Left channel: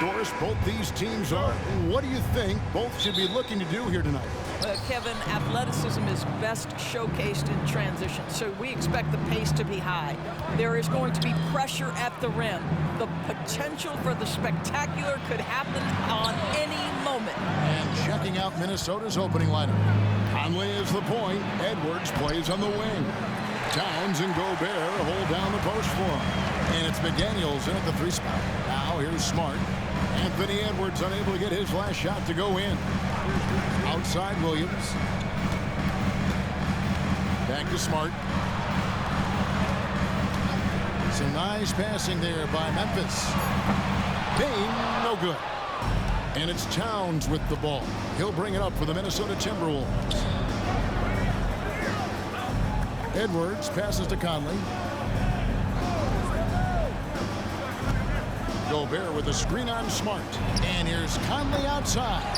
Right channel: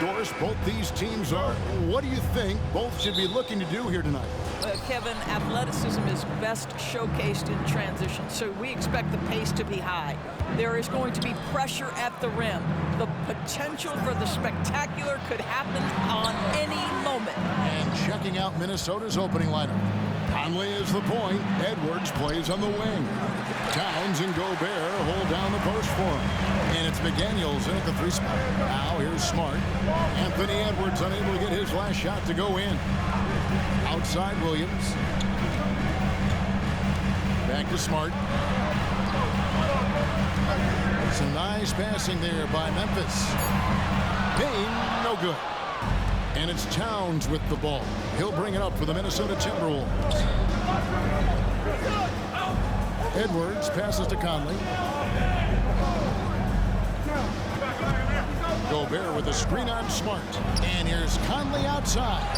Doris, both these teams are. What do you think both should be looking to do here tonight? Kevin, athleticism is best showcased in transition, so we expect the pace to be high. There is going to be pressure at the rim. The potential for the spectacular could happen on any moment. And checking out Minnesota's opening lineup. Conley is the point. Edwards plays on the wing. Towns and Gobert hold down the post for him. And it's McDaniels in at the 3 spot. Now here's Smart. Anthony Edwards unable to get his last shot to go in. Outside Williams. Back to Smart. Some nice passing there by Memphis. Payne, no good. And it's Towns with the ball. He'll bring it up for the Minnesota Timberwolves. Edwards passes to Conley. Gobert with a screen on Smart. And here's Conley outside.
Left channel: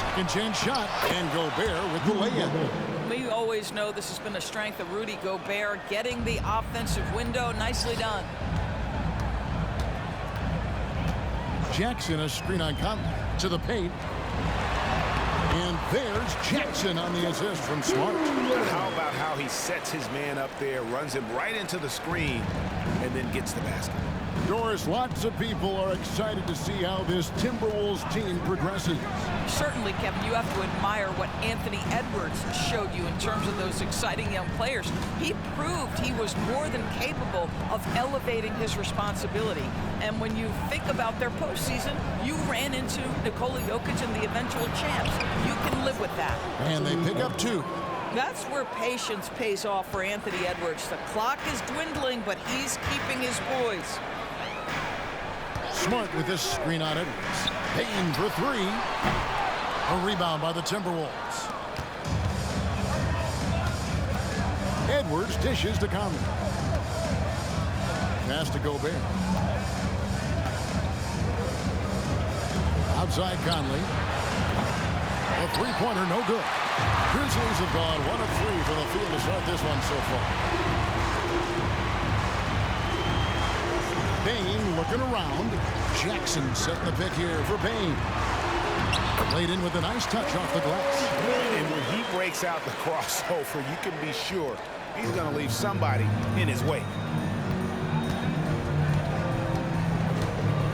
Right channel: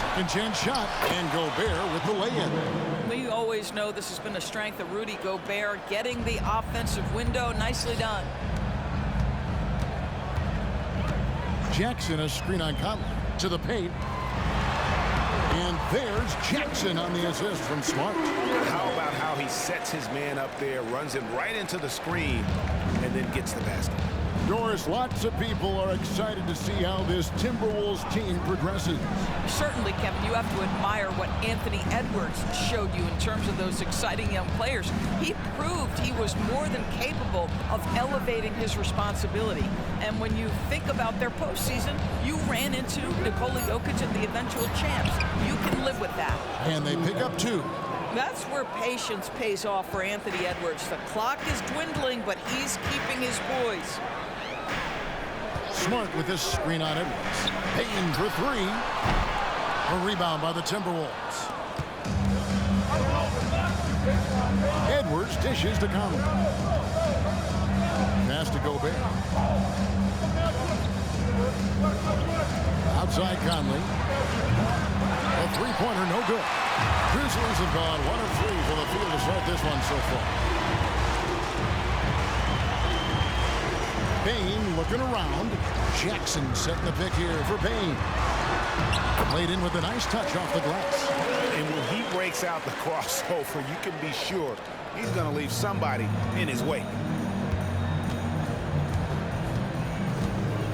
Second chance shot. And Gobert with the lay-in. We always know this has been a strength of Rudy Gobert, getting the offensive window. Nicely done. Jackson, a screen on Conley. To the paint. And there's Jackson on the assist from Smart. How about how he sets his man up there, runs him right into the screen, and then gets the basket? Doris, lots of people are excited to see how this Timberwolves team progresses. Certainly, Kevin, you have to admire what Anthony Edwards showed you in terms of those exciting young players. He proved he was more than capable of elevating his responsibility. And when you think about their postseason, you ran into Nikola Jokic and the eventual champs. You can live with that. And they pick up 2. That's where patience pays off for Anthony Edwards. The clock is dwindling, but he's keeping his poise. Smart with this screen on Edwards. Payne for 3. A rebound by the Timberwolves. Edwards dishes to Conley. Pass to Gobert. Outside Conley. A three-pointer, no good. Grizzlies have gone 1 of 3 from the field to start this one so far. Payne looking around. Jackson setting the pick here for Payne. Laid in with a nice touch off the glass. And when he breaks out the crossover, you can be sure he's going to leave somebody in his wake.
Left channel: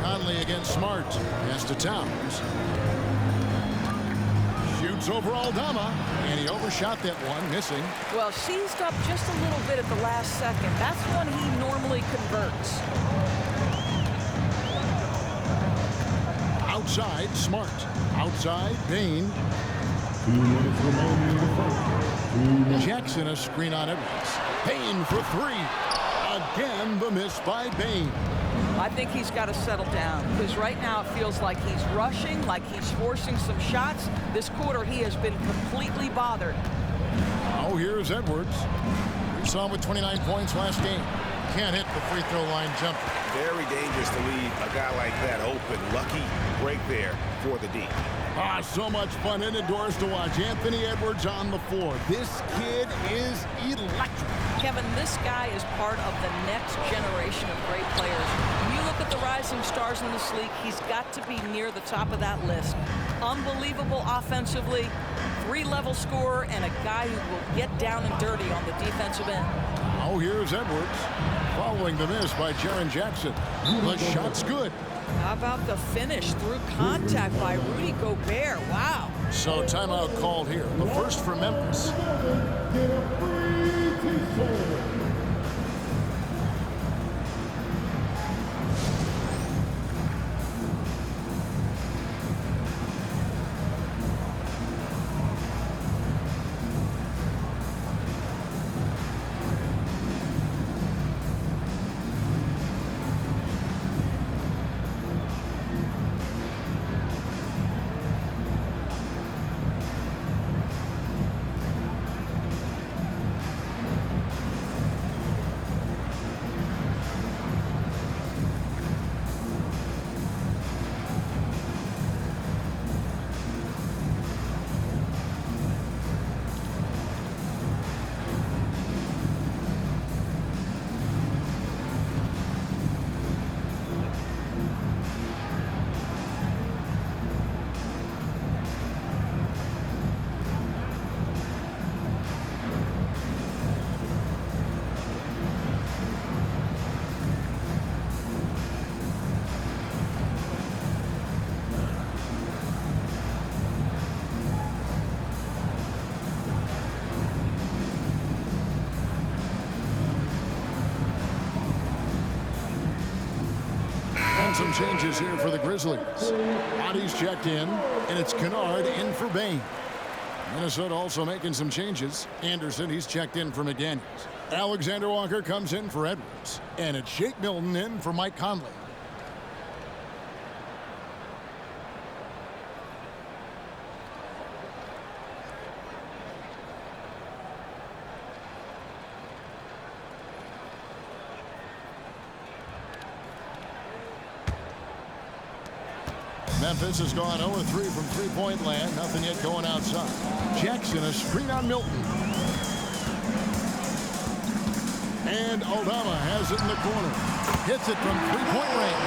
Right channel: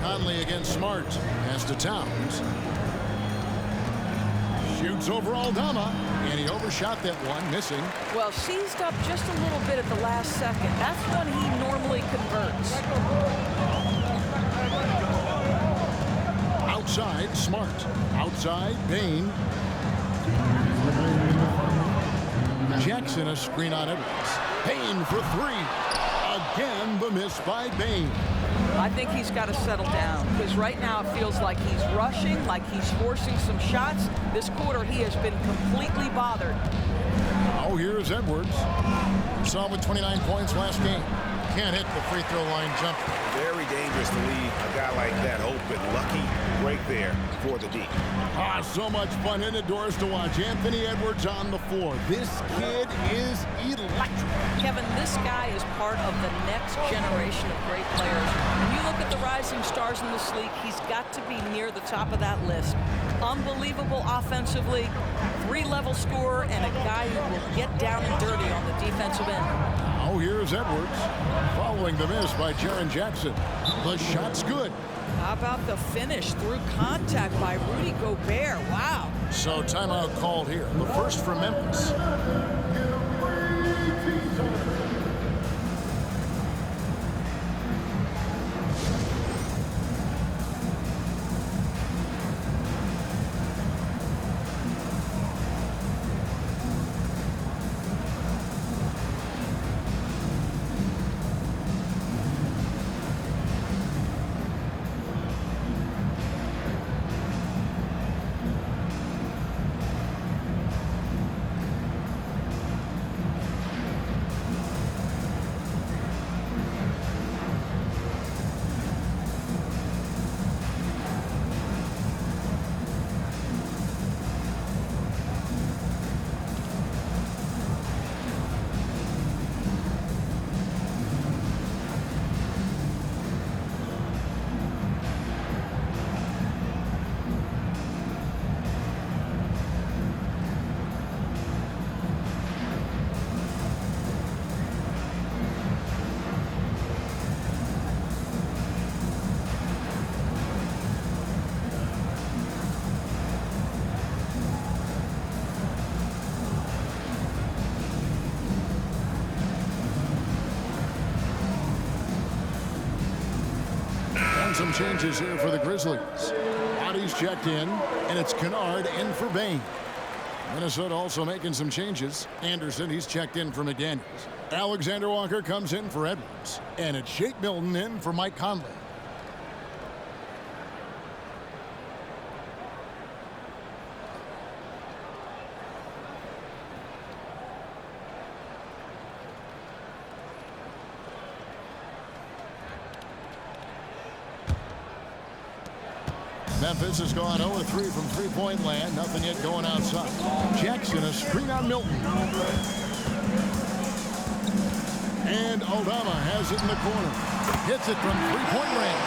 Conley against Smart. Pass to Towns. Shoots over Aldama. And he overshot that one, missing. Well, seized up just a little bit at the last second. That's when he normally converts. Outside, Smart. Outside, Payne. Jackson, a screen on Edwards. Payne for 3. Again, the miss by Payne. I think he's got to settle down, because right now it feels like he's rushing, like he's forcing some shots. This quarter, he has been completely bothered. Now here's Edwards. We saw him with 29 points last game. Can't hit the free throw line jumper. Very dangerous to leave a guy like that open. Lucky break there for the D. So much fun in it, Doris, to watch Anthony Edwards on the floor. This kid is electric. Kevin, this guy is part of the next generation of great players. When you look at the rising stars in this league, he's got to be near the top of that list. Unbelievable offensively, 3-level scorer, and a guy who will get down and dirty on the defensive end. Now here's Edwards, following the miss by Jaren Jackson. The shot's good. How about the finish through contact by Rudy Gobert? Wow. So timeout called here. The first for Memphis. some changes here for the Grizzlies. Bodies checked in, and it's Kennard in for Bain. Minnesota also making some changes. Anderson, he's checked in for McDaniels. Alexander Walker comes in for Edwards. And it's Shake Milton in for Mike Conley. Memphis has gone 0-3 from three-point land. Nothing yet going outside. Jackson, a screen on Milton. And Aldama has it in the corner. Hits it from three-point range.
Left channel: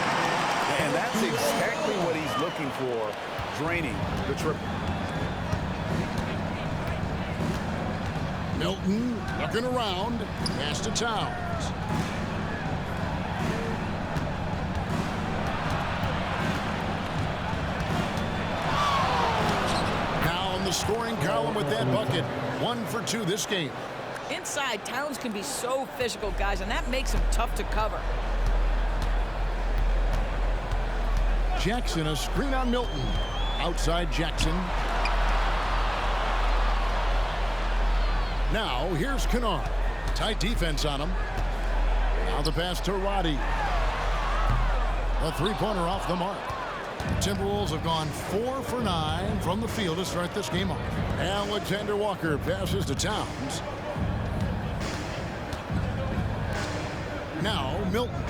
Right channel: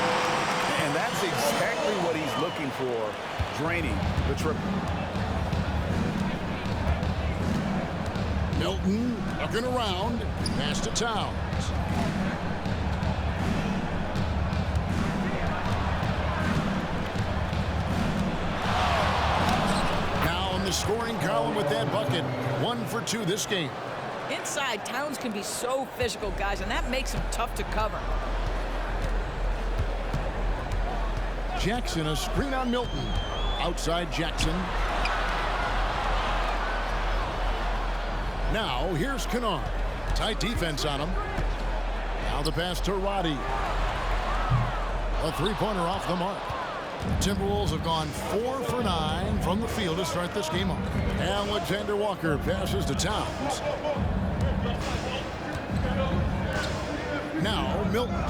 And that's exactly what he's looking for, draining the triple. Milton looking around. Pass to Towns. The scoring column with that bucket. 1 for 2 this game. Inside, Towns can be so physical, guys, and that makes him tough to cover. Jackson, a screen on Milton. Outside Jackson. Now here's Kennard. Tight defense on him. Now the pass to Roddy. A three-pointer off the mark. Timberwolves have gone 4 for 9 from the field to start this game off. Alexander Walker passes to Towns. Now Milton.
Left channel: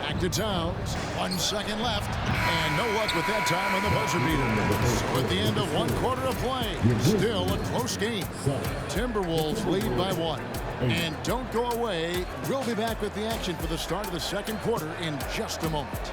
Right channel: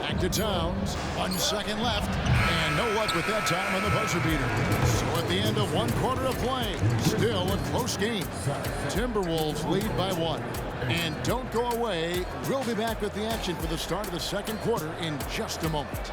Back to Towns. 1 second left. And no luck with that time on the buzzer beater. So at the end of 1 quarter of play, still a close game. Timberwolves lead by 1. And don't go away. We'll be back with the action for the start of the second quarter in just a moment.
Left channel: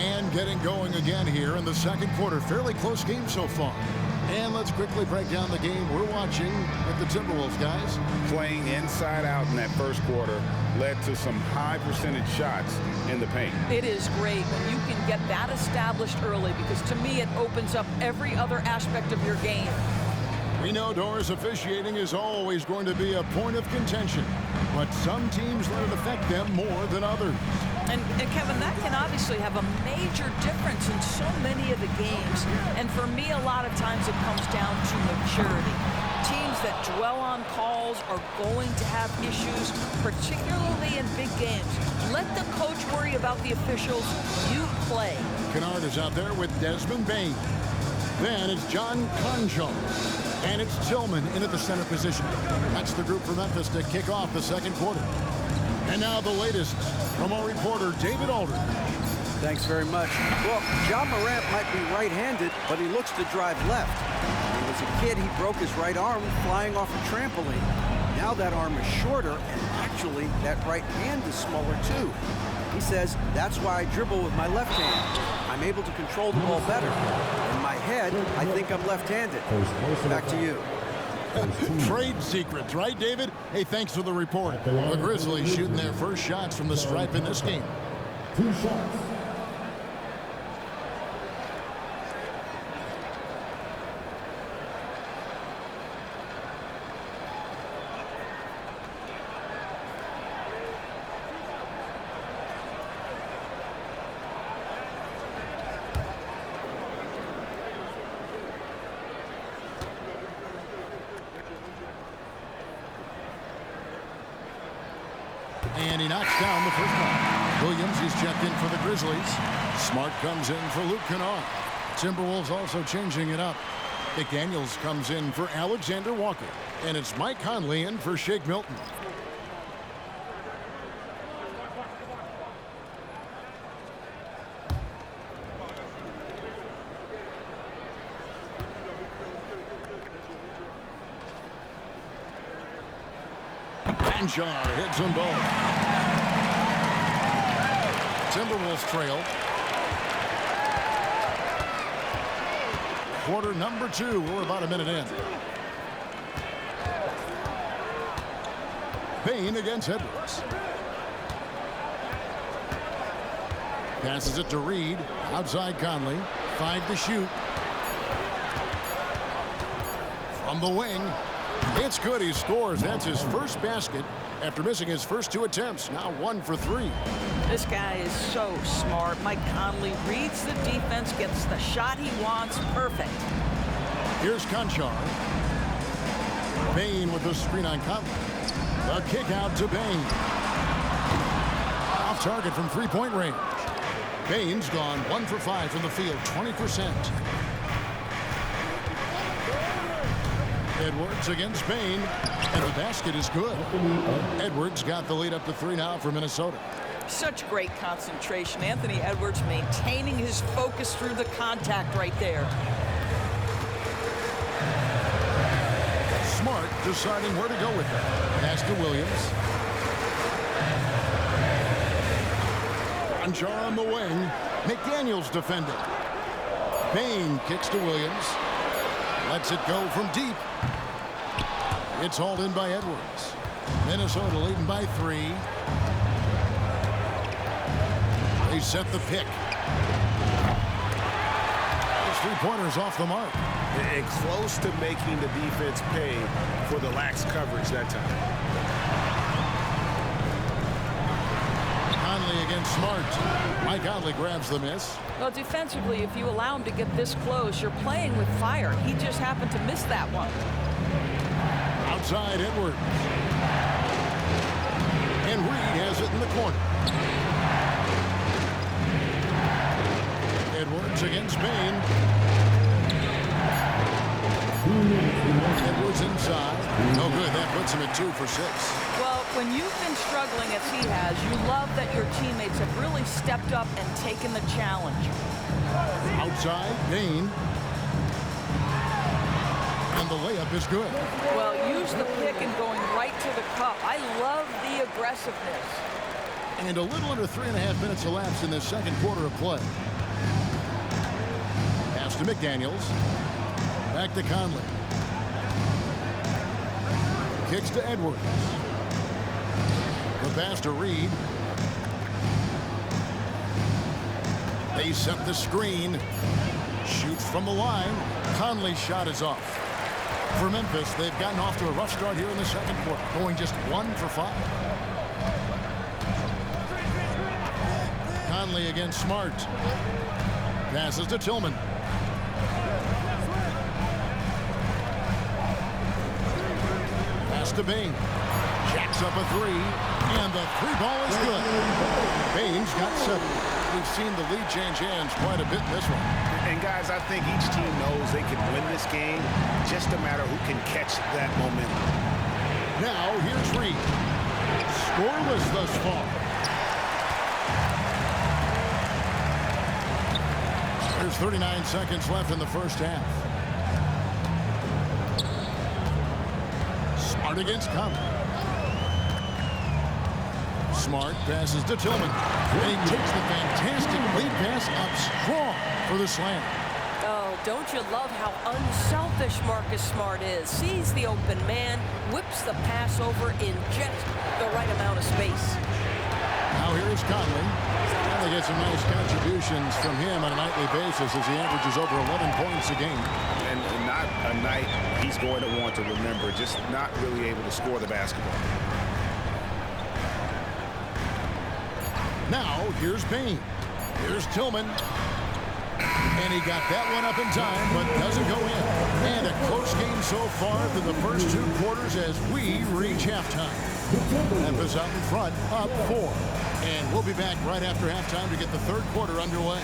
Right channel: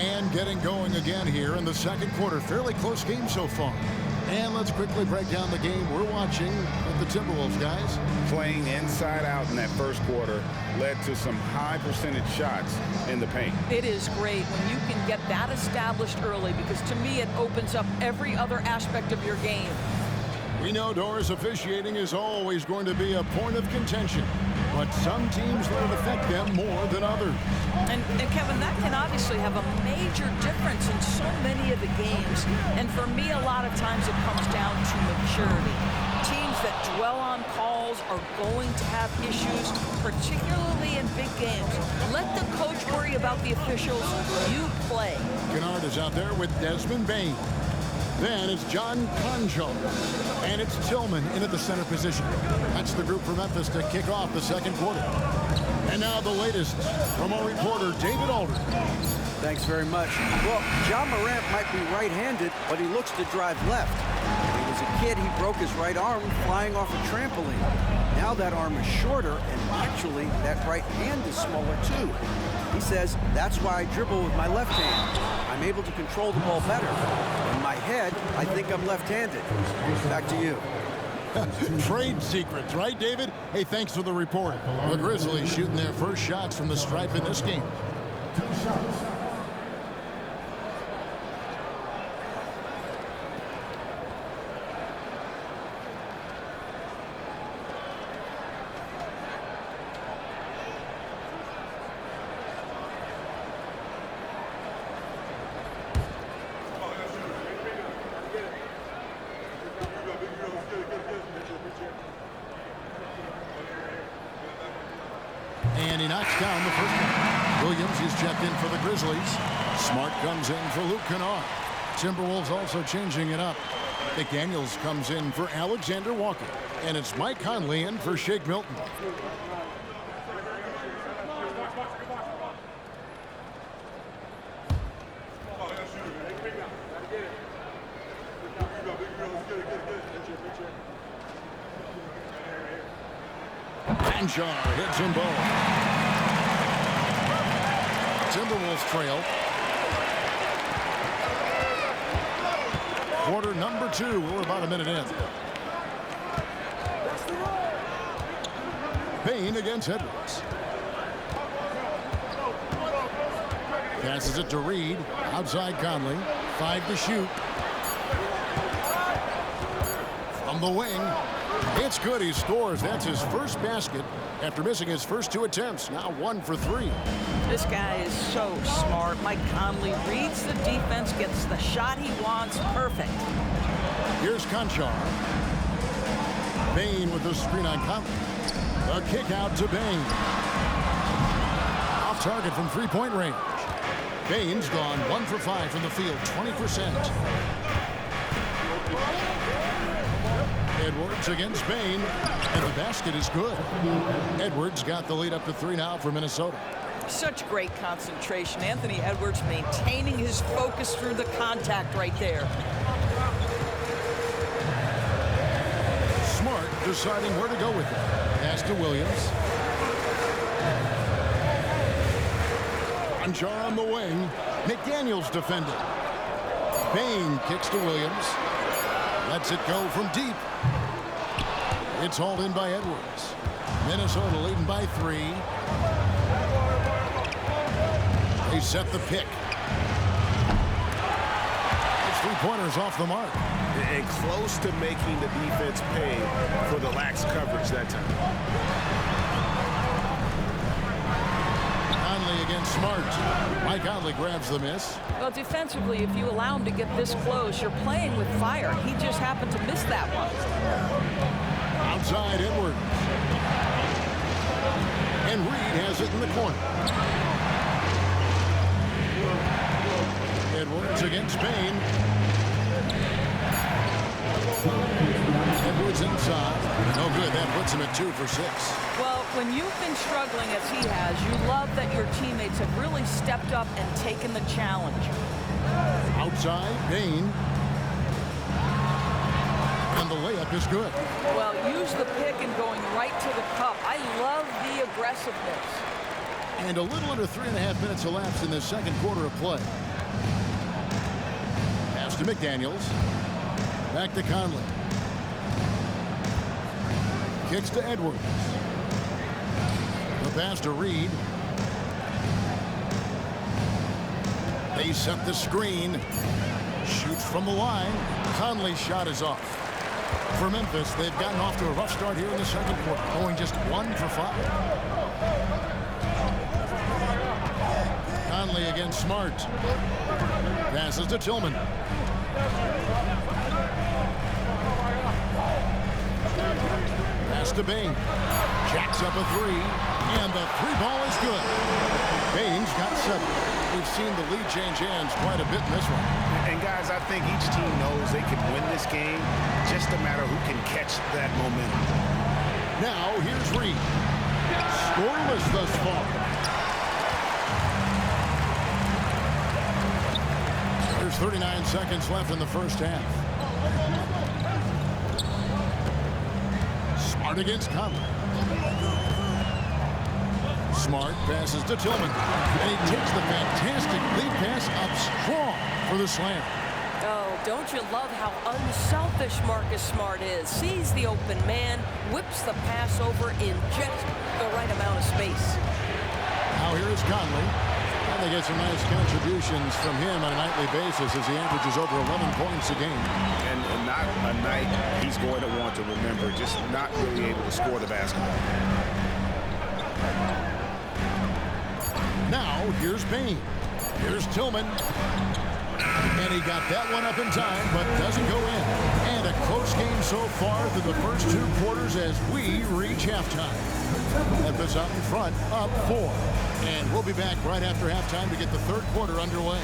And getting going again here in the second quarter. Fairly close game so far. And let's quickly break down the game we're watching with the Timberwolves, guys. Playing inside out in that first quarter led to some high percentage shots in the paint. It is great when you can get that established early, because to me it opens up every other aspect of your game. We know Doris officiating is always going to be a point of contention, but some teams let it affect them more than others. And Kevin, that can obviously have a major difference in so many of the games. And for me, a lot of times it comes down to maturity. Teams that dwell on calls are going to have issues, particularly in big games. Let the coach worry about the officials. You play. Kennard is out there with Desmond Bain. Then it's John Concho. And it's Tillman in at the center position. That's the group for Memphis to kick off the second quarter. And now the latest from our reporter, David Aldridge. Thanks very much. Well, John Morant might be right-handed, but he looks to drive left. When he was a kid, he broke his right arm flying off a trampoline. Now that arm is shorter, and actually that right hand is smaller too. He says, that's why I dribble with my left hand. I'm able to control the ball better. In my head, I think I'm left-handed. Back to you. Trade secrets, right, David? Hey, thanks for the report. The Grizzlies shooting their first shots from the stripe in this game. 2 shots. And he knocks down the first one. Williams, he's checked in for the Grizzlies. Smart comes in for Luke Kennard. Timberwolves also changing it up. McDaniels comes in for Alexander Walker. And it's Mike Conley in for Shake Milton. Conchar hits them both. Timberwolves trail. Quarter number 2. We're about a minute in. Bain against Edwards. Passes it to Reed. Outside Conley. 5 to shoot. From the wing. It's good. He scores. That's his first basket after missing his first 2 attempts. Now 1 for 3. This guy is so smart. Mike Conley reads the defense, gets the shot he wants. Perfect. Here's Conchar. Bain with the screen on Conley. The kick out to Bain. Off target from three-point range. Bain's gone 1 for 5 from the field, 20%. Edwards against Bain, and the basket is good. Edwards got the lead up to 3 now for Minnesota. Such great concentration. Anthony Edwards maintaining his focus through the contact right there. Smart deciding where to go with it. Pass to Williams. Conchar on the wing. McDaniels defending. Bain kicks to Williams. Lets it go from deep. It's hauled in by Edwards. Minnesota leading by 3. They set the pick. His three-pointer's off the mark. And close to making the defense pay for the lax coverage that time. Conley against Smart. Mike Conley grabs the miss. Well, defensively, if you allow him to get this close, you're playing with fire. He just happened to miss that one. Outside Edwards. And Reed has it in the corner. Edwards against Bain. Edwards inside. No good. That puts him at 2 for 6. Well, when you've been struggling as he has, you love that your teammates have really stepped up and taken the challenge. Outside, Bain. And the layup is good. Well, use the pick and going right to the cup. I love the aggressiveness. And a little under 3.5 minutes elapsed in this second quarter of play. Pass to McDaniels. Back to Conley. Kicks to Edwards. The pass to Reed. They set the screen. Shoots from the line. Conley's shot is off. For Memphis, they've gotten off to a rough start here in the second quarter, going just 1 for 5. Conley against Smart. Passes to Tillman. Pass to Bain. Jacks up a 3, and the 3-ball is good. Bain's got 7. We've seen the lead change hands quite a bit in this one. And guys, I think each team knows they can win this game. Just a matter who can catch that momentum. Now here's Reed. Scoreless thus far. There's 39 seconds left in the first half. Smart against Conley. Smart passes to Tillman, and he takes the fantastic lead pass up strong for the slam. Oh, don't you love how unselfish Marcus Smart is? Sees the open man, whips the pass over in just the right amount of space. Now here is Conley, and they get some nice contributions from him on a nightly basis as he averages over 11 points a game. And not a night he's going to want to remember, just not really able to score the basketball. Now here's Bain. Here's Tillman. And he got that one up in time, but doesn't go in. And a close game so far through the first 2 quarters as we reach halftime. Memphis out in front, up 4. And we'll be back right after halftime to get the third quarter underway.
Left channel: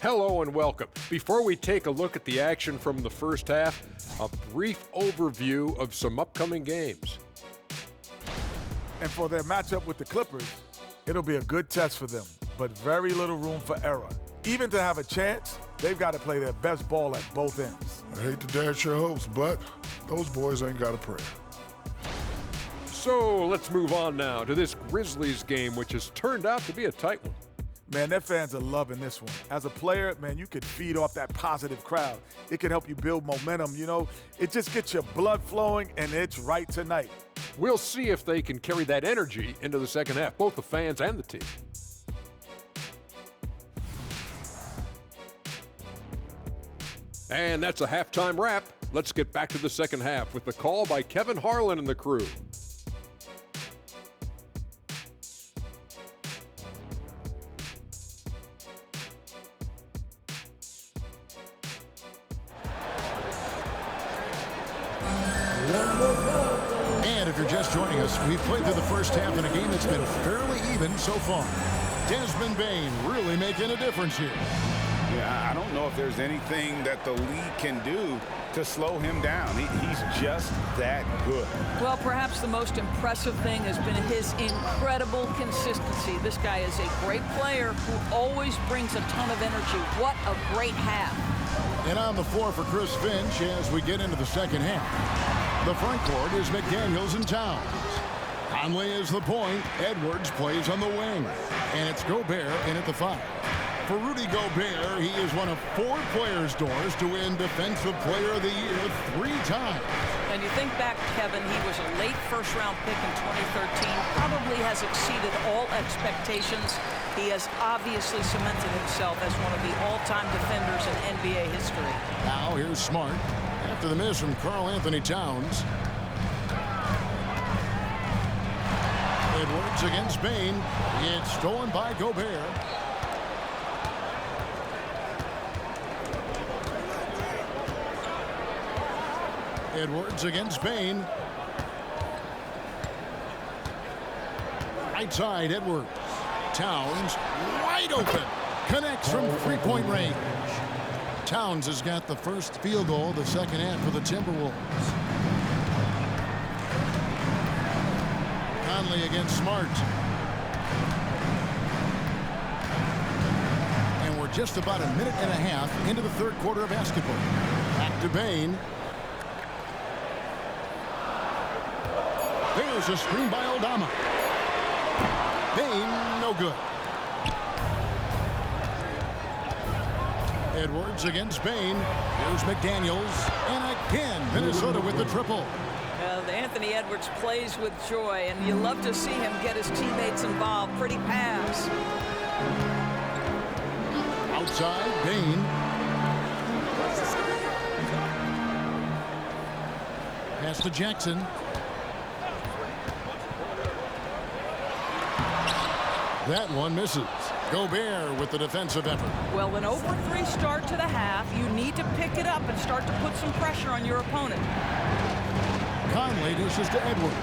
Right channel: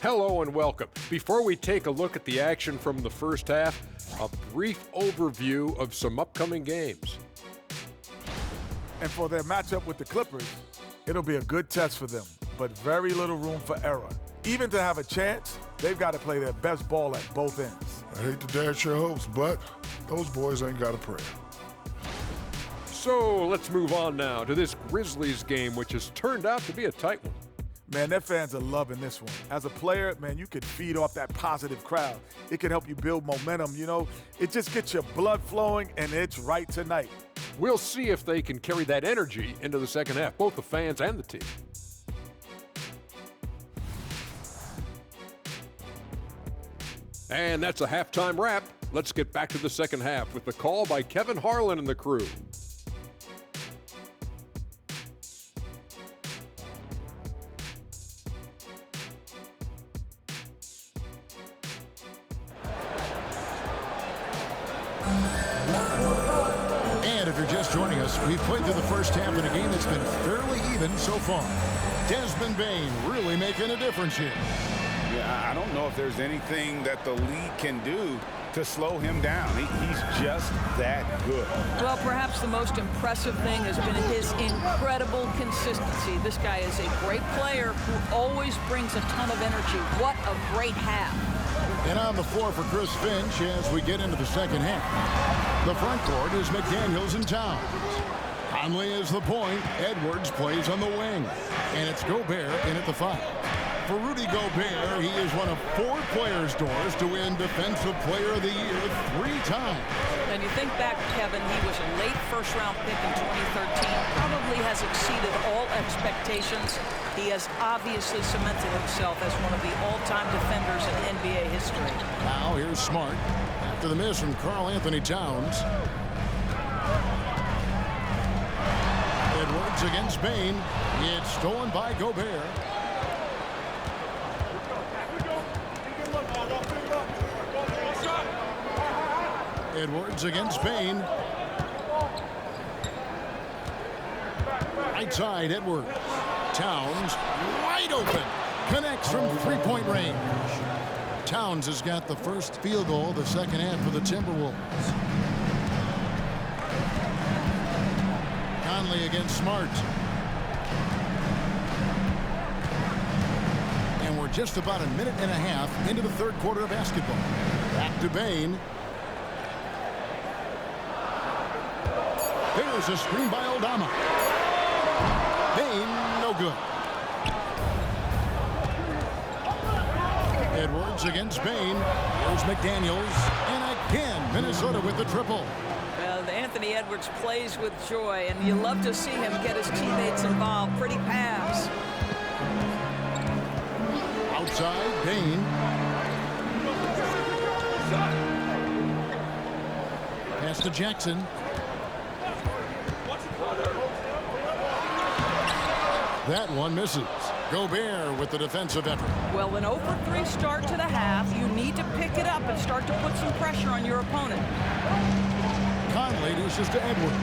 Hello and welcome. Before we take a look at the action from the first half, a brief overview of some upcoming games. And for their matchup with the Clippers, it'll be a good test for them, but very little room for error. Even to have a chance, they've got to play their best ball at both ends. I hate to dash your hopes, but those boys ain't got a prayer. So let's move on now to this Grizzlies game, which has turned out to be a tight one. Man, their fans are loving this one. As a player, man, you can feed off that positive crowd. It can help you build momentum, you know. It just gets your blood flowing, and it's right tonight. We'll see if they can carry that energy into the second half, both the fans and the team. And that's a halftime wrap. Let's get back to the second half with the call by Kevin Harlan and the crew. And if you're just joining us, we've played through the first half in a game that's been fairly even so far. Desmond Bane really making a difference here. Yeah, I don't know if there's anything that the league can do to slow him down. He's just that good. Well, perhaps the most impressive thing has been his incredible consistency. This guy is a great player who always brings a ton of energy. What a great half. And on the floor for Chris Finch as we get into the second half. The front court is McDaniels and Towns. Conley is the point. Edwards plays on the wing. And it's Gobert in at the 5. For Rudy Gobert, he is one of 4 players' doors to win Defensive Player of the Year 3 times. And you think back, Kevin, he was a late first-round pick in 2013, probably has exceeded all expectations. He has obviously cemented himself as one of the all-time defenders in NBA history. Now here's Smart after the miss from Karl Anthony Towns. Edwards against Bane. It's stolen by Gobert. Edwards against Bane. Right side, Edwards. Towns wide open. Connects from three-point range. Towns has got the first field goal of the second half for the Timberwolves. Conley against Smart. And we're just about a minute and a half into the third quarter of basketball. Back to Bane. There's a screen by Aldama. Bane, no good. Edwards against Bane. Here's McDaniels. And again, Minnesota with the triple. Well, Anthony Edwards plays with joy, and you love to see him get his teammates involved. Pretty pass. Outside, Bane. Pass to Jackson. That one misses. Gobert with the defensive effort. Well, an over 3 start to the half, you need to pick it up and start to put some pressure on your opponent. Conley dishes to Edwards.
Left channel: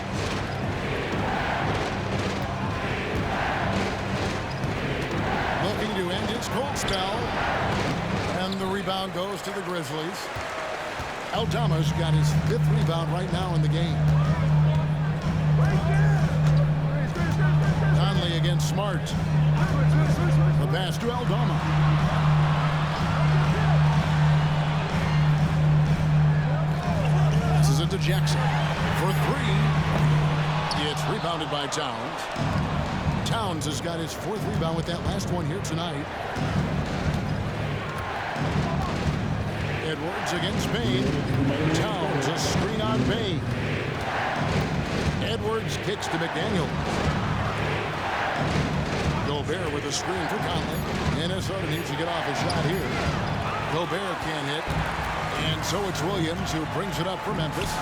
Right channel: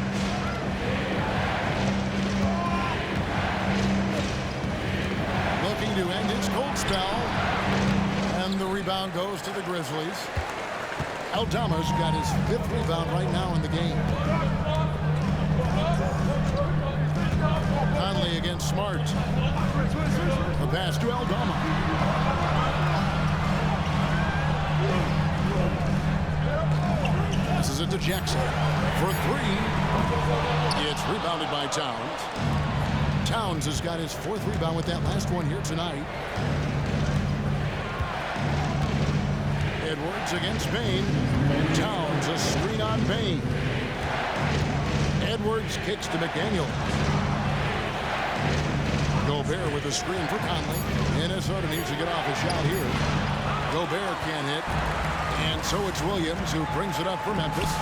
Looking to end his cold spell. And the rebound goes to the Grizzlies. Aldama's got his 5th rebound right now in the game. Conley against Smart. The pass to Aldama. Passes it to Jackson for 3. It's rebounded by Towns. Towns has got his 4th rebound with that last one here tonight. Edwards against Bane. Towns a screen on Bane. Edwards kicks to McDaniels. Gobert with a screen for Conley. Minnesota needs to get off a shot here. Gobert can't hit. And so it's Williams who brings it up for Memphis.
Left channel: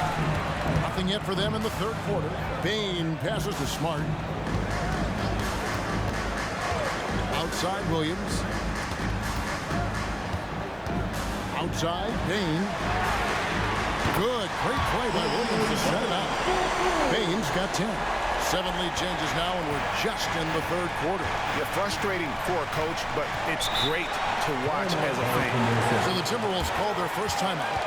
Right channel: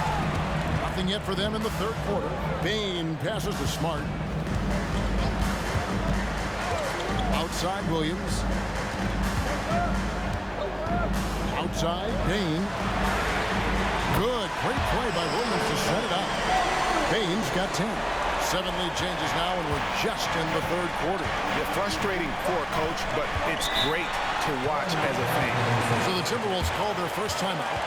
Nothing yet for them in the third quarter. Bane passes to Smart. Outside Williams. Outside Bane. Good. Great play by Williams to set it up. Bane's got 10. 7 lead changes now, and we're just in the third quarter. Yeah, frustrating for a coach, but it's great to watch as a fan. So the Timberwolves called their first timeout.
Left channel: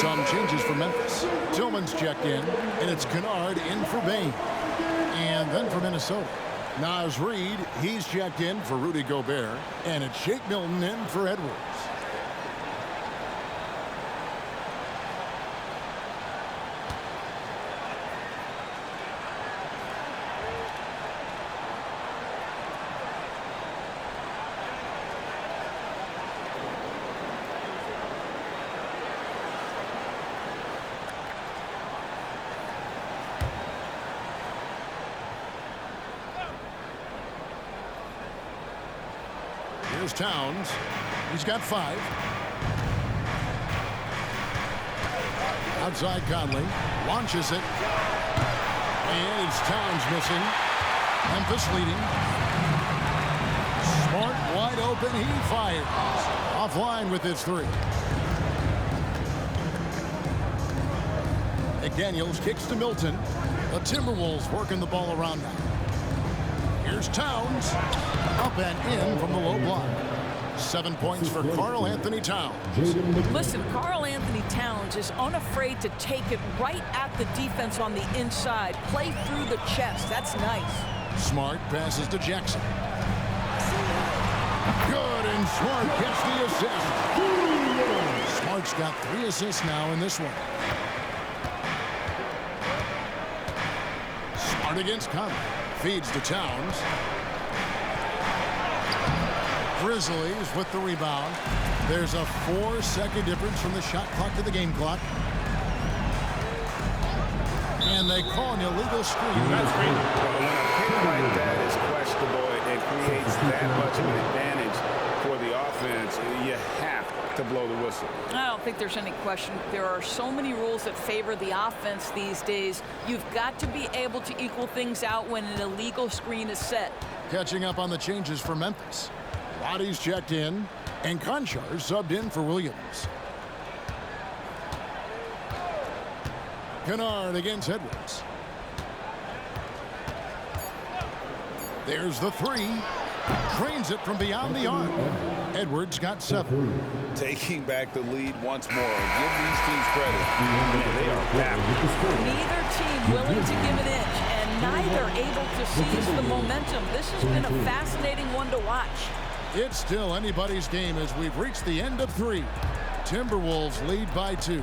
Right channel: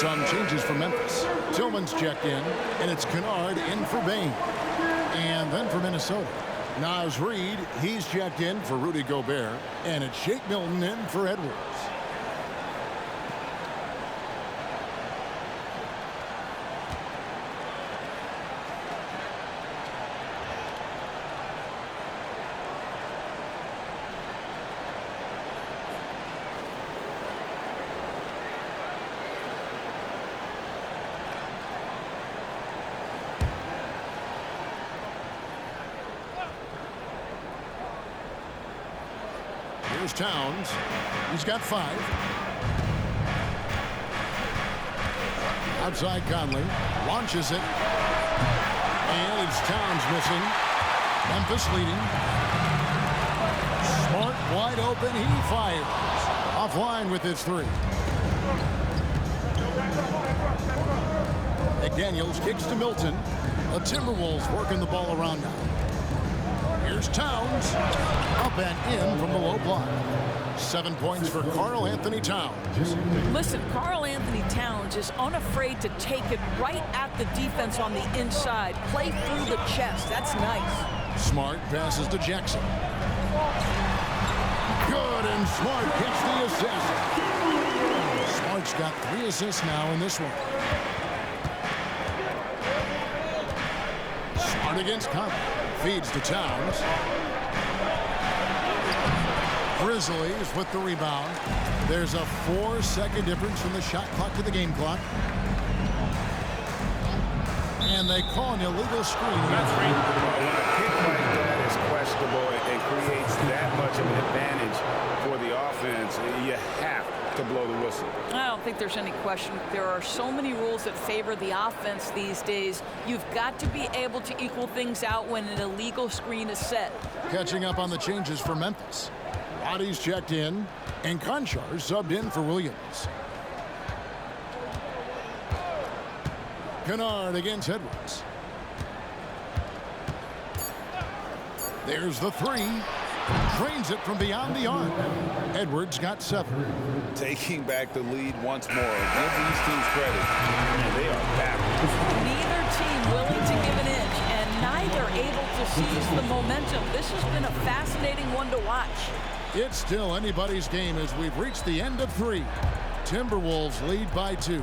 Some changes for Memphis. Tillman's checked in, and it's Kennard in for Bain. And then for Minnesota, Naz Reid, he's checked in for Rudy Gobert, and it's Shake Milton in for Edwards. Here's Towns. He's got 5. Outside Conley. Launches it. And it's Towns missing. Memphis leading. Smart wide open. He fires. Offline with his 3. McDaniels kicks to Milton. The Timberwolves working the ball around now. Here's Towns. Up and in from the low block. 7 points for Karl Anthony Towns. Listen, Karl Anthony Towns is unafraid to take it right at the defense on the inside. Play through the chest. That's nice. Smart passes to Jackson. Good, and Smart gets the assist. Smart's got 3 assists now in this one. Smart against Conley. Feeds to Towns. Grizzlies with the rebound. There's a 4-second difference from the shot clock to the game clock. And they call an illegal screen. That's screen. When a pick like that is questionable and creates that much of an advantage for the offense, you have to blow the whistle. I don't think there's any question. There are so many rules that favor the offense these days. You've got to be able to equal things out when an illegal screen is set. Catching up on the changes for Memphis. Roddy's checked in, and Conchar subbed in for Williams. Kennard against Edwards. There's the 3. Drains it from beyond the arc. Edwards got 7. Taking back the lead once more. Give these teams credit. Man, they are battling. Neither team willing to give an inch, and neither able to seize the momentum. This has been a fascinating one to watch. It's still anybody's game as we've reached the end of 3. Timberwolves lead by 2.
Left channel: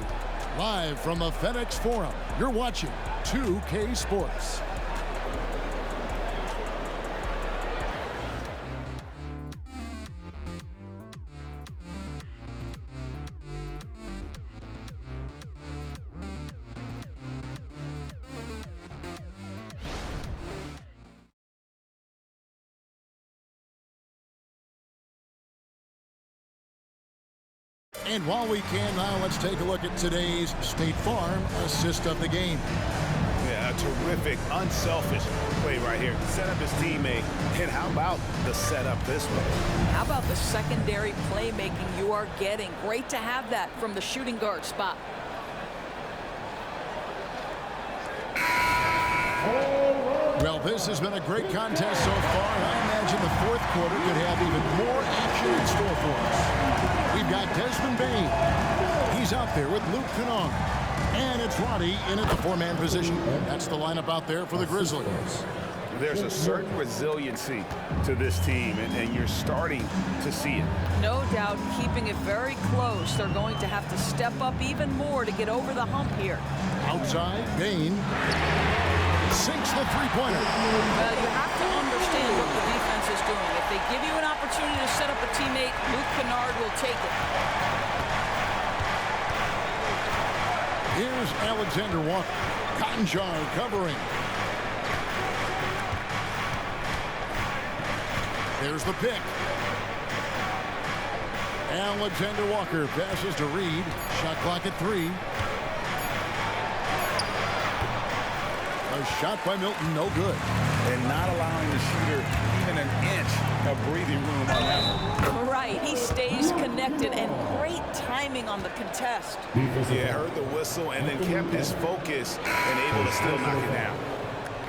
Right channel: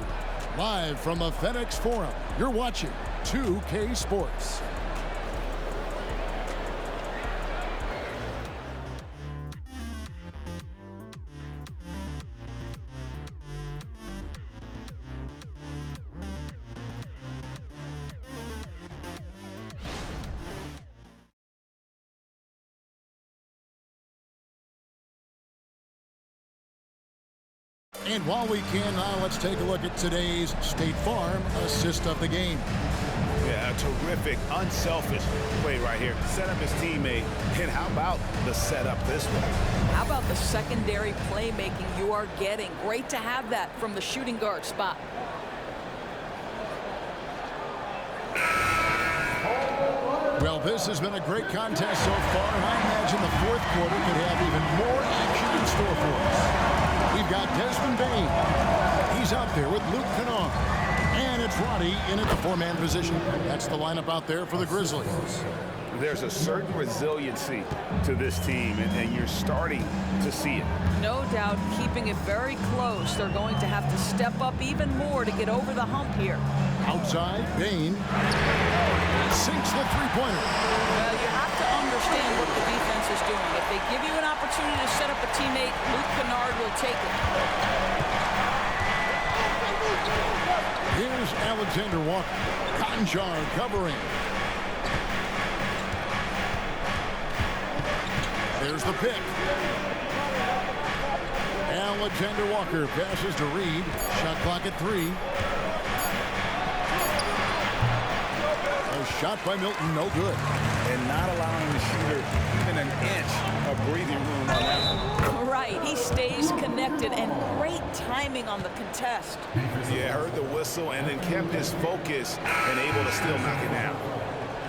Live from the FedEx Forum, you're watching 2K Sports. And while we can now, let's take a look at today's State Farm assist of the game. Yeah, a terrific, unselfish play right here. Set up his teammate. And how about the setup this way? How about the secondary playmaking you are getting? Great to have that from the shooting guard spot. Well, this has been a great contest so far, and I imagine the fourth quarter could have even more action in store for us. We've got Desmond Bain. He's out there with Luke Kennard. And it's Roddy in at the four-man position. That's the lineup out there for the Grizzlies. There's a certain resiliency to this team, and you're starting to see it. No doubt keeping it very close. They're going to have to step up even more to get over the hump here. Outside, Bain sinks the three-pointer. Well, you have to understand what the defense is doing. If they give you an opportunity to set up a teammate, Luke Kennard will take it. Here's Alexander Walker. Conjar covering. There's the pick. Alexander Walker passes to Reed. Shot clock at 3. A shot by Milton, no good. And not allowing the shooter even an inch of breathing room on that one. Right, he stays connected, and great timing on the contest. Yeah, heard the whistle and then kept his focus and able to still knock it down.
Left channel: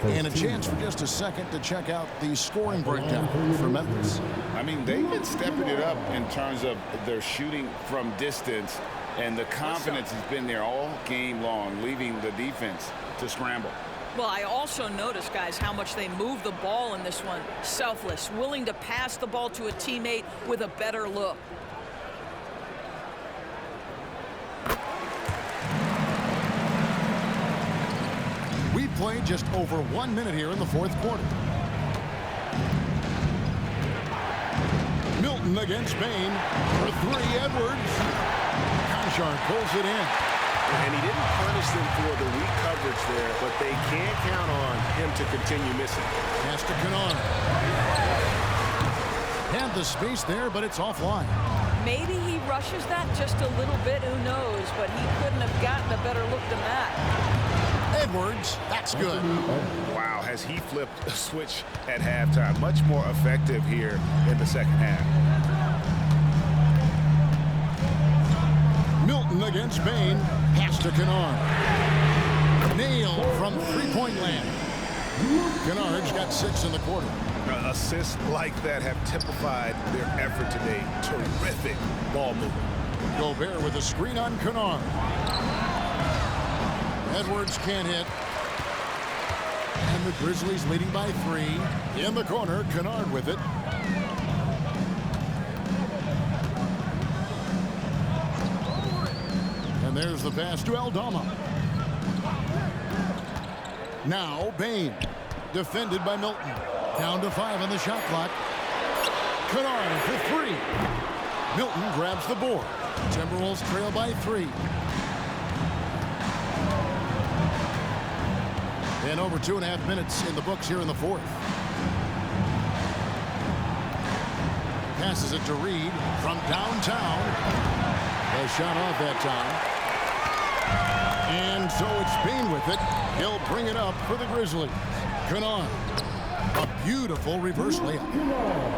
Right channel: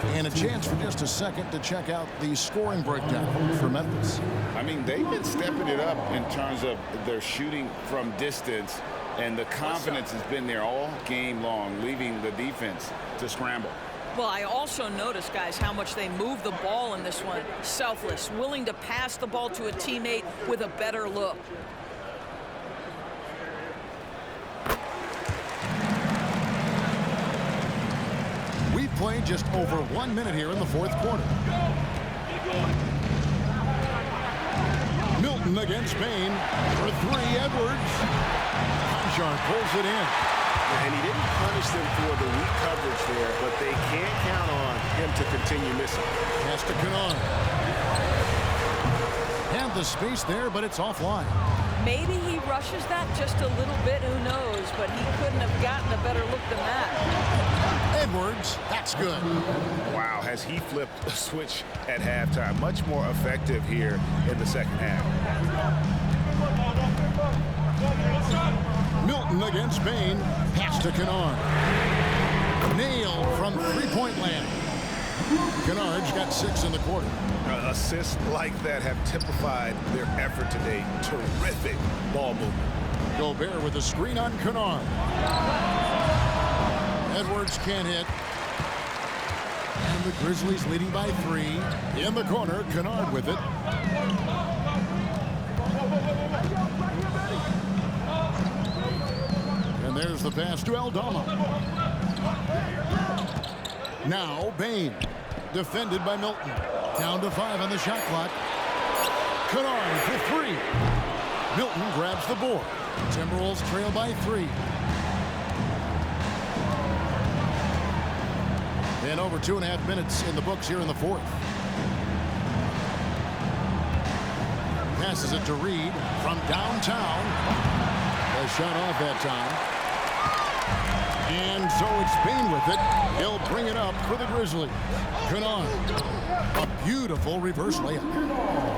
And a chance for just a second to check out the scoring breakdown for Memphis. I mean, they've been stepping it up in terms of their shooting from distance, and the confidence has been there all game long, leaving the defense to scramble. Well, I also noticed, guys, how much they move the ball in this one. Selfless, willing to pass the ball to a teammate with a better look. We've played just over 1 minute here in the fourth quarter. Milton against Bain for 3. Edwards. Conjar pulls it in. And he didn't punish them for the weak coverage there, but they can't count on him to continue missing. Pass to Kennard. Had the space there, but it's offline. Maybe he rushes that just a little bit, who knows, but he couldn't have gotten a better look than that. Edwards, that's good. Wow, has he flipped a switch at halftime. Much more effective here in the second half. Milton against Bain. Pass to Kennard. Nailed from three-point land. Kennard's got 6 in the quarter. Assists like that have typified their effort today. Terrific ball movement. Gobert with a screen on Kennard. Edwards can't hit. And the Grizzlies leading by 3. In the corner, Kennard with it. And there's the pass to Aldama. Now Bain, defended by Milton. Down to 5 on the shot clock. Kennard for 3. Milton grabs the board. Timberwolves trail by 3. And over 2.5 minutes in the books here in the fourth. Passes it to Reed from downtown. A shot off that time. And so it's Bain with it. He'll bring it up for the Grizzlies. Kennard. A beautiful reverse layup.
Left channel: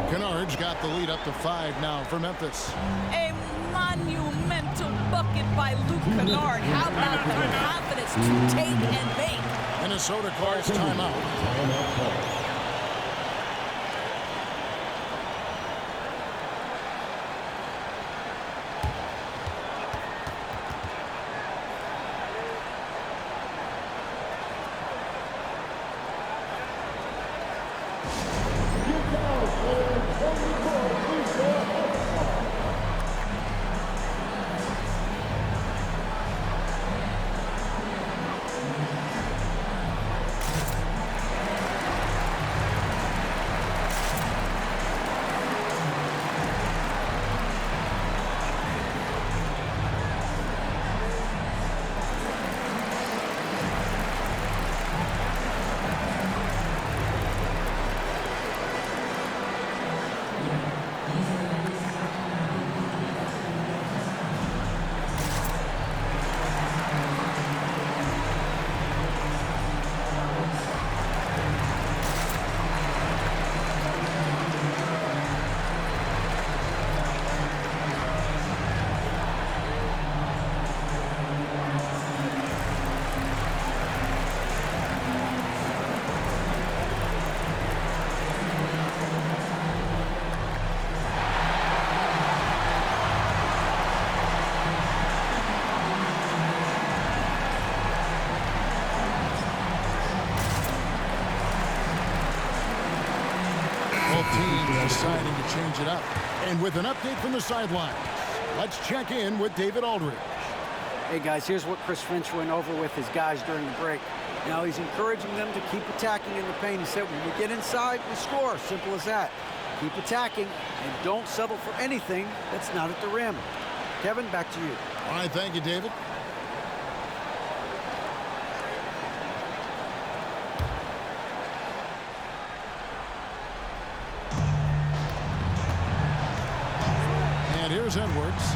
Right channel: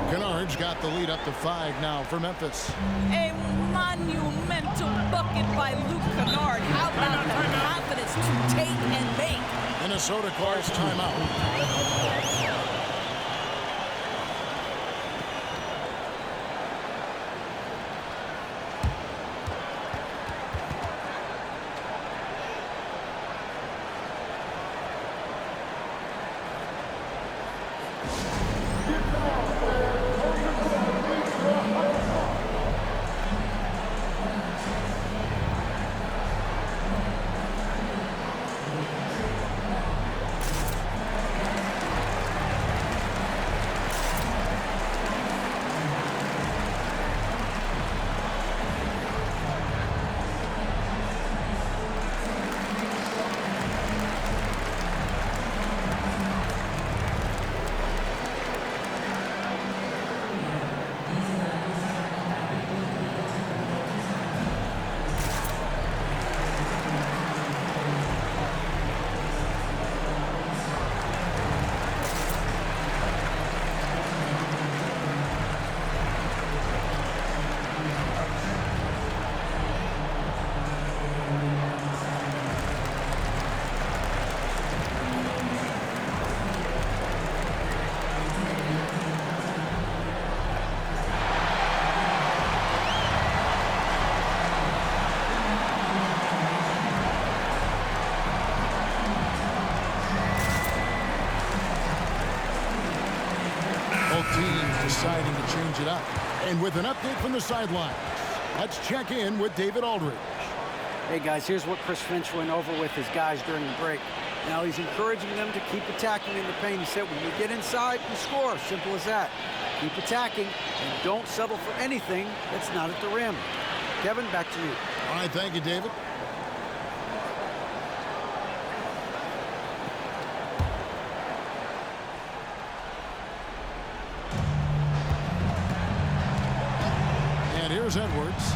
Kennard's got the lead up to 5 now for Memphis. A monumental bucket by Luke Kennard. How about the confidence to take and make? Minnesota calls timeout. Both teams deciding to change it up. And with an update from the sidelines, let's check in with David Aldridge. Hey, guys, here's what Chris Finch went over with his guys during the break. Now, he's encouraging them to keep attacking in the paint. He said, when we get inside, we score. Simple as that. Keep attacking and don't settle for anything that's not at the rim. Kevin, back to you. All right, thank you, David. And here's Edwards.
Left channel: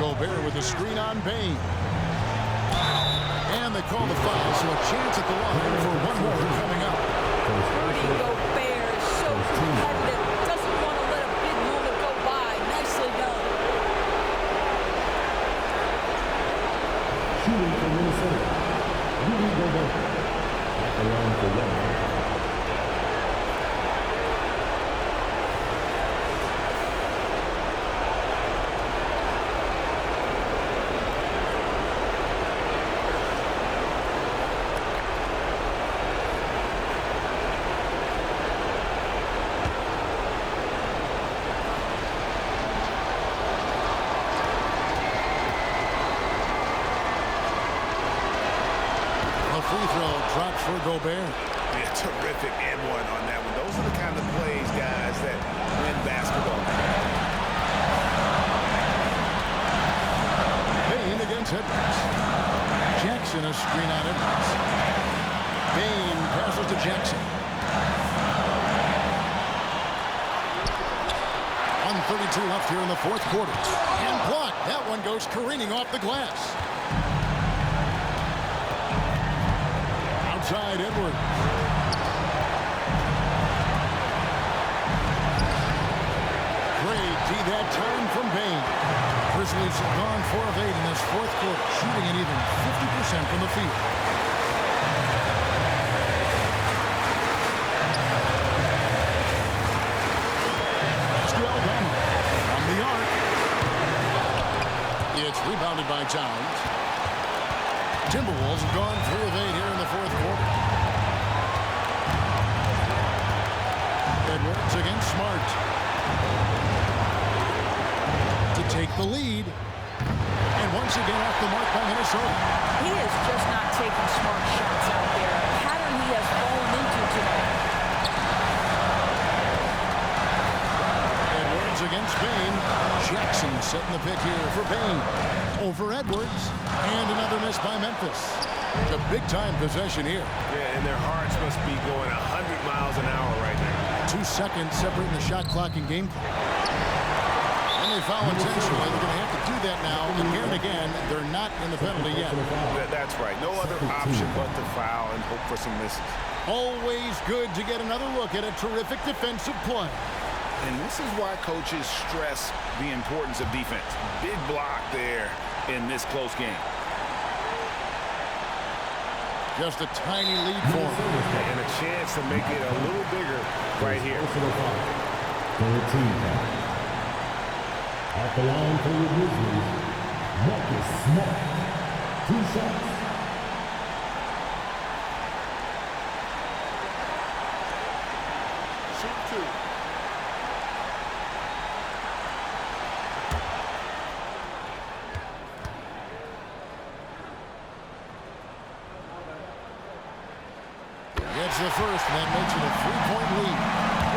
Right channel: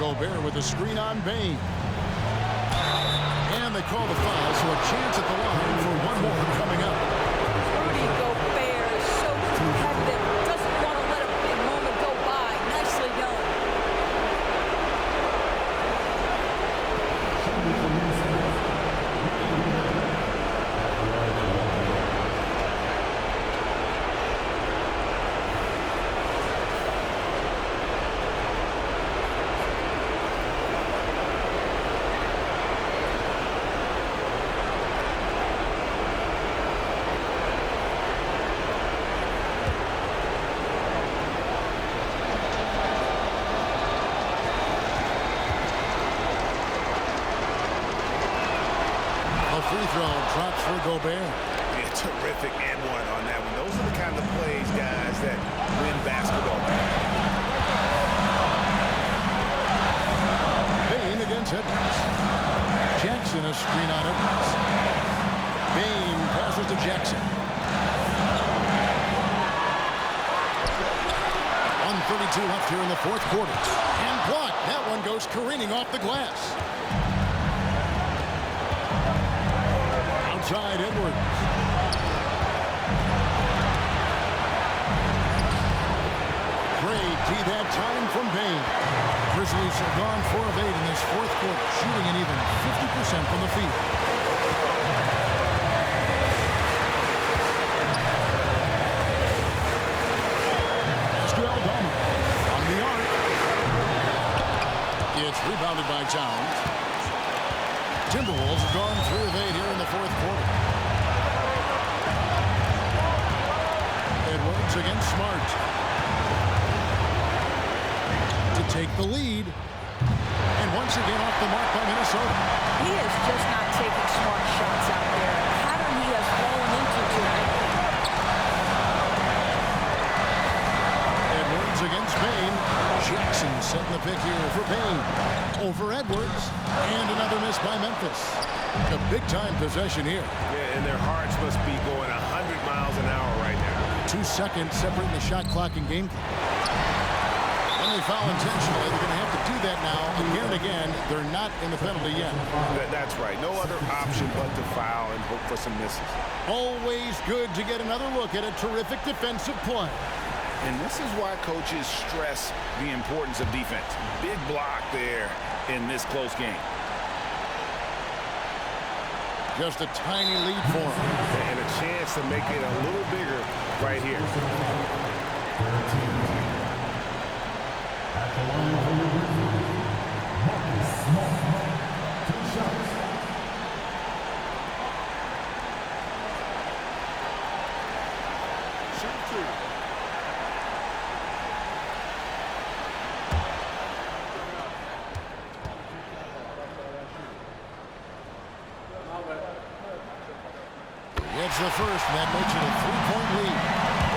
Gobert with a screen on Bane. And they call the foul, so a chance at the line for one more coming up. Rudy Gobert is so competitive. Doesn't want to let a big moment go by. Nicely done. Shooting for Minnesota, Rudy Gobert. At the line for one. A free throw drops for Gobert. Yeah, terrific and one on that one. Those are the kind of plays, guys, that win basketball games. Bane against Edwards. Jackson a screen on Edwards. Bane passes to Jackson. 1:32 left here in the fourth quarter. And blocked. That one goes careening off the glass. Outside Edwards. Great D that time from Bane. Grizzlies have gone 4 of 8 in this fourth quarter, shooting an even 50% from the field. To Aldama from the arc. It's rebounded by Towns. Timberwolves have gone 3 of 8 here in the fourth quarter. Edwards against Smart. To take the lead. And once again off the mark by Minnesota. He is just not taking smart shots out there. A pattern he has fallen into tonight. Edwards against Bane. Jackson setting the pick here for Bane. Over Edwards. And another miss by Memphis. A big-time possession here. Yeah, and their hearts must be going 100 miles an hour right now. 2 seconds separating the shot clock and game clock. And they foul intentionally. They're going to have to do that now again and again. They're not in the penalty yet. That's right. No other option but to foul and hope for some misses. Always good to get another look at a terrific defensive play. And this is why coaches stress the importance of defense. Big block there in this close game. Just a tiny lead for him. And a chance to make it a little bigger right here. 13. At the line for your Grizzlies, Marcus Smart. 2 shots. Shoot 2. Gets the first, and that makes it a 3-point lead.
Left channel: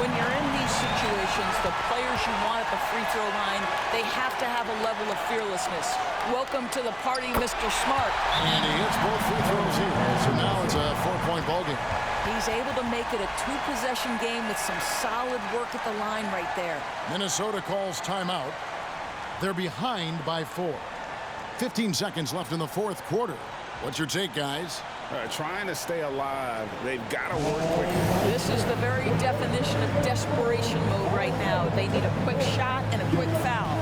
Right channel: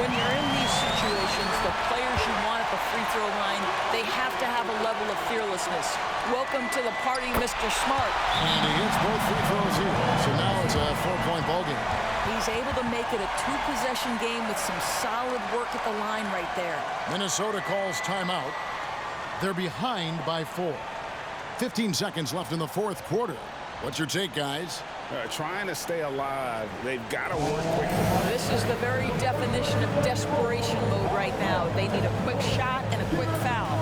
When you're in these situations, the players you want at the free throw line, they have to have a level of fearlessness. Welcome to the party, Mr. Smart. And he hits both free throws here. So now it's a 4-point ball game. He's able to make it a 2-possession game with some solid work at the line right there. Minnesota calls timeout. They're behind by 4. 15 seconds left in the fourth quarter. What's your take, guys? Trying to stay alive. They've got to work quickly. This is the very definition of desperation mode right now. They need a quick shot and a quick foul.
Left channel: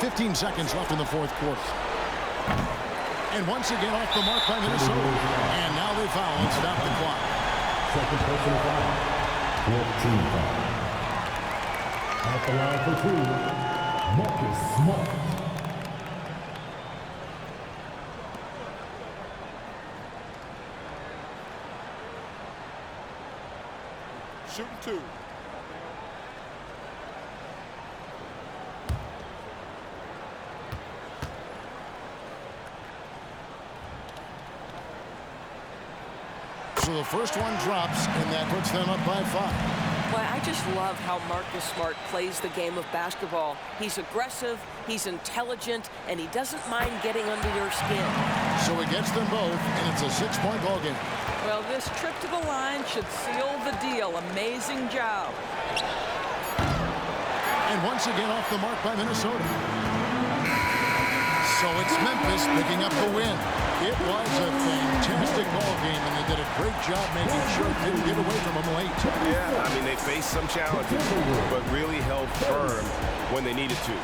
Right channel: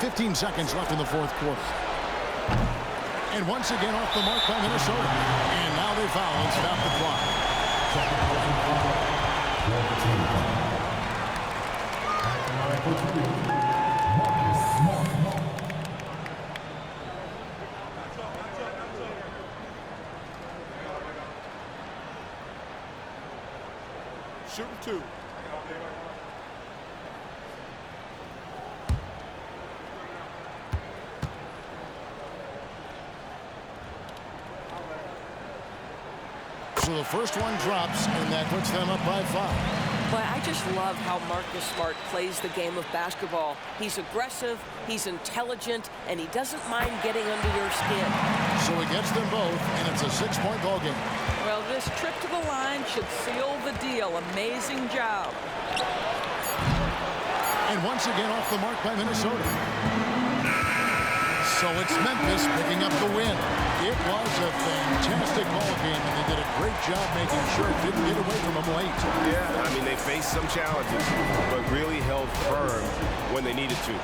15 seconds left in the fourth quarter. And once again off the mark by Minnesota. And now they foul and stop the clock. Second personal foul. 14 foul. At the line for two, Marcus Smart. Shooting two. So the first one drops, and that puts them up by 5. Boy, I just love how Marcus Smart plays the game of basketball. He's aggressive, he's intelligent, and he doesn't mind getting under your skin. So he gets them both, and it's a 6-point ball game. Well, this trip to the line should seal the deal. Amazing job. And once again off the mark by Minnesota. So it's Memphis picking up the win. It was a fantastic ball game, and they did a great job making sure it didn't get away from them late. Yeah, I mean, they faced some challenges, but really held firm when they needed to.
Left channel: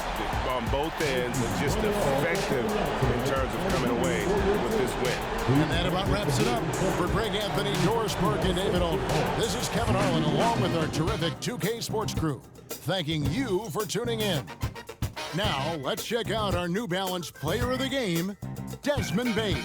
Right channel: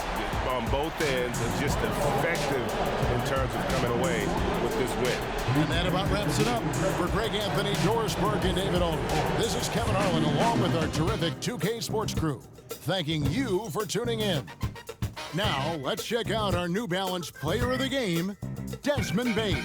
On both ends, just effective in terms of coming away with this win. And that about wraps it up. For Greg Anthony, Doris Burke, and David Olden, this is Kevin Harlan along with our terrific 2K Sports crew, thanking you for tuning in. Now, let's check out our New Balance Player of the Game, Desmond Bain.